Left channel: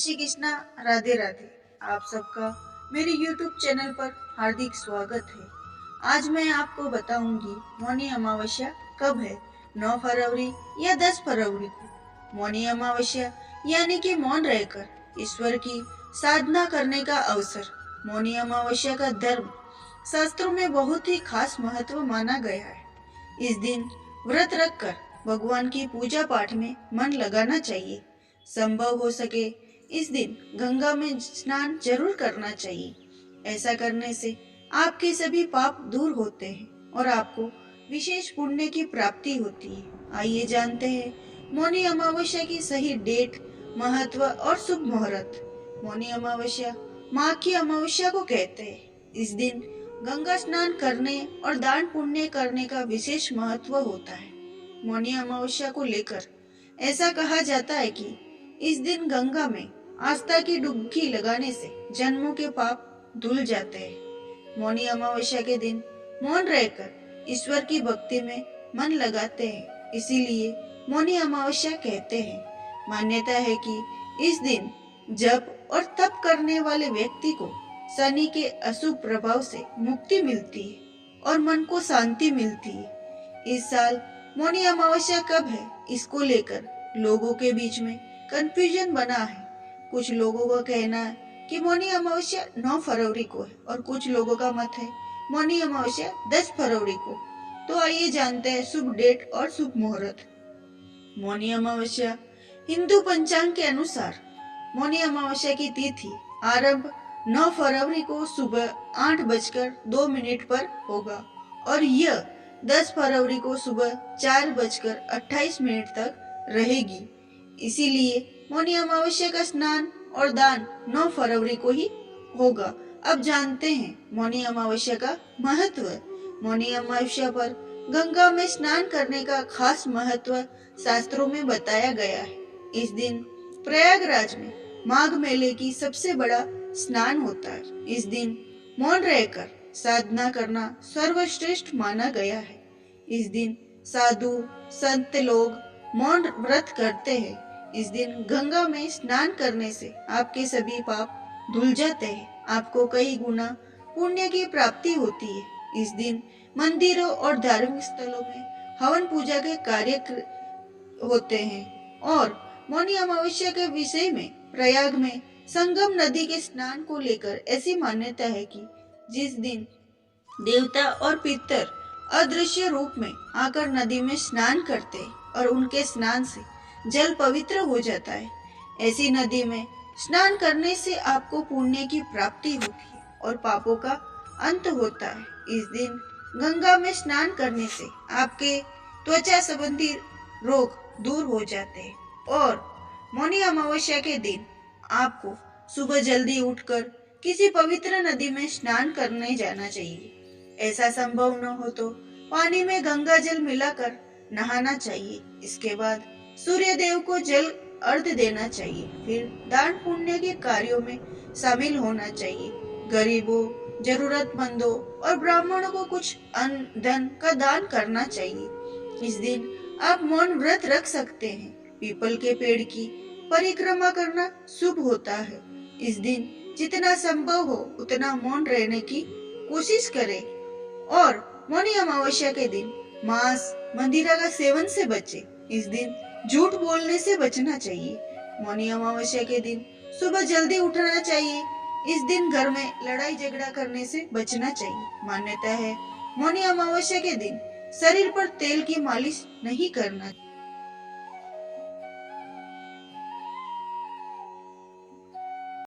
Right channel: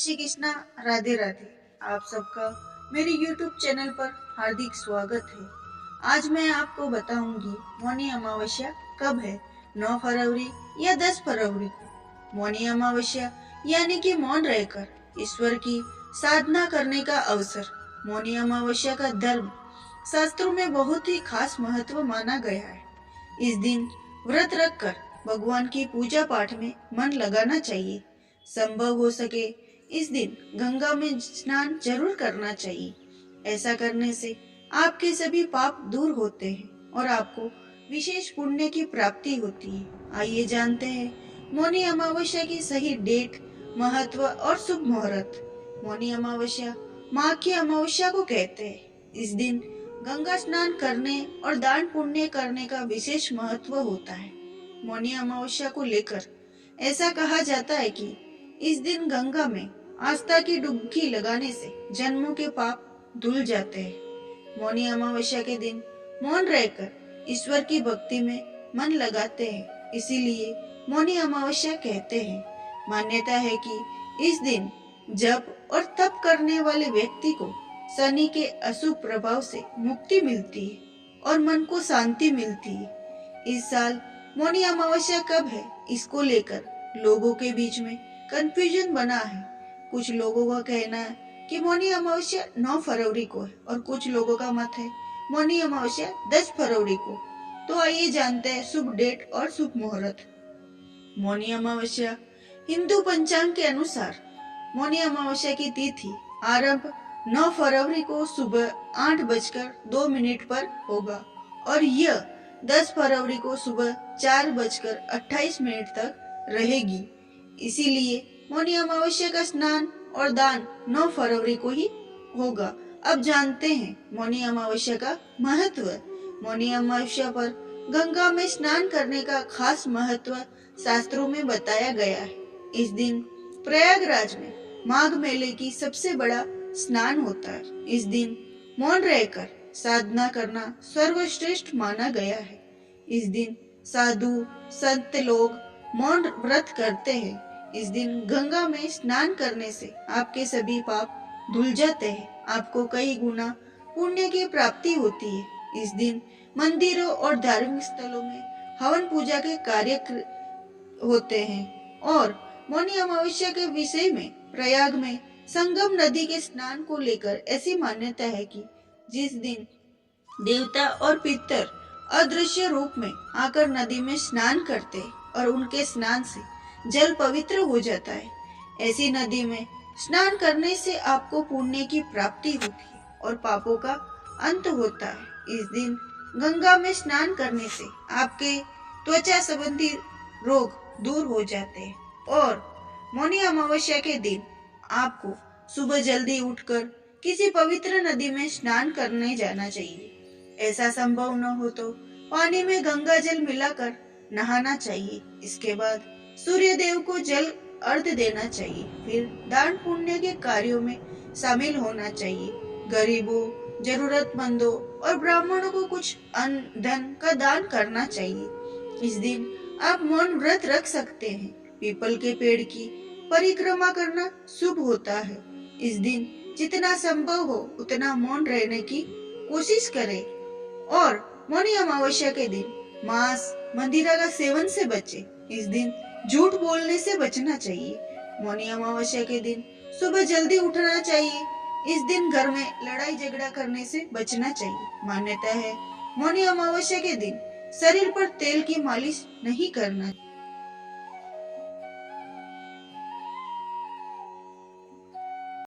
श्री कृष्णा। राधे राधे। आप सबका मेरे YouTube चैनल पर हार्दिक स्वागत है। आज मैं आपको बताऊंगी मौनी अमावस्या कब है, 9 फरवरी या 10 फरवरी को। मौनी अमावस्या यानी कि मौन रहकर ईश्वर की साधना करने का अवसर। मौनी अमावस्या का धर्म शास्त्रों में बहुत ही खास महत्व माना गया है। इस दिन व्रत रखकर भगवान की पूजा पाठ में मन लगाना चाहिए। संभव हो सके इस दिन गंगा में स्नान जरूर करना चाहिए। ऐसा करने से आपके सभी पाप दूर होते हैं और आपको विशेष पुण्य की प्राप्ति होती है। आइए जानते हैं मौनी अमावस्या की सही डेट, महत्व और शुभ मुहूर्त। मौनी अमावस्या माघ की अमावस्या को कहते हैं। इस दिन गंगा स्नान करने और दान पुण्य करने का विशेष महत्व होता है। मौनी अमावस्या को लेकर ऐसा कहा जाता है कि इस दिन गंगा में आस्था की डुबकी लगाने से जन्मों के पाप धुल जाते हैं। मौनी अमावस्या के दिन मौन रहकर ईश्वर की भक्ति में मन लगाते हैं, इसीलिए मौनी अमावस्या कहते हैं। मान्यता है कि इस दिन जप और तप करने वाले व्यक्ति को शनि के अशुभ प्रभाव से मुक्ति मिलती है और मन को शांति मिलती है। इस साल मौनी अमावस्या कब है, इसको लेकर लोगों के बीच में कंफ्यूजन बना है। कुछ लोगों का कहना है कि मौनी अमावस्या 9 फरवरी को है और कुछ लोगों का मत है मौनी अमावस्या 10 फरवरी को। तो आइए जानते हैं शुभ डेट और शुभ मुहूर्त। मौनी अमावस्या हिंदू पंचांग के अनुसार मौनी अमावस्या की तिथि आरंभ 9 फरवरी को सुबह 8:02 पर होगा और यह 10 फरवरी को सुबह 4:28 तक रहेगी। इसीलिए मौनी अमावस्या का स्नान और दान 9 फरवरी को ही होगा। अब जानते हैं मौनी अमावस्या का महत्व। मौनी अमावस्या पर गंगा में स्नान करने का खास महत्व शास्त्रों में बताया गया है। इस दिन प्रयागराज में माघ मेले की सबसे बड़ा स्नान होता है। इस दिन मौन रहकर साधना करना सर्वश्रेष्ठ माना गया है। इस दिन साधु संत लोग मौन व्रत करते हैं। इस दिन गंगा में स्नान करने से आपके सभी पाप धुल जाते हैं, आपको कई गुना पुण्य की प्राप्ति होती है। इस दिन मंदिरों और धार्मिक स्थलों में हवन पूजा के कार्य होते हैं और मौनी अमावस्या के विषय में प्रयाग में संगम नदी के स्नान को लेकर ऐसी मान्यता है कि जिस दिन देवता और पितर अदृश्य रूप में आकर नदी में स्नान करते और उनके स्नान से जल पवित्र हो जाता है। ऐसी नदी में स्नान करने से आपको पुण्य की प्राप्ति होती है और पापों का अंत होता है। इस दिन गंगा में स्नान करने से आपके त्वचा संबंधी रोग दूर हो जाते हैं और मौनी अमावस्या के दिन आपको सुबह जल्दी उठकर किसी पवित्र नदी में स्नान करने जाना चाहिए। ऐसा संभव न हो तो पानी में गंगा जल मिलाकर नहाना चाहिए। इसके बाद सूर्य देव को जल अर्घ्य देना चाहिए। फिर दान पुण्य के कार्यों में शामिल होना चाहिए। गरीबों, जरूरतमंदों और ब्राह्मणों को कुछ अन्न धन का दान करना चाहिए। इस दिन आप मौन व्रत रख सकते हैं। पीपल के पेड़ की परिक्रमा करना शुभ होता है। इस दिन जितना संभव हो उतना मौन रहने की कोशिश करें और मौनी अमावस्या के दिन मांस, मंदिरा का सेवन से बचे। इस दिन झूठ बोलने से बचना चाहिए। मौनी अमावस्या के दिन सुबह जल्दी उठना चाहिए। इस दिन घर में लड़ाई झगड़ा करने से बचना चाहिए। मान्यता है मौनी अमावस्या के दिन शरीर पर तेल की मालिश नहीं करना।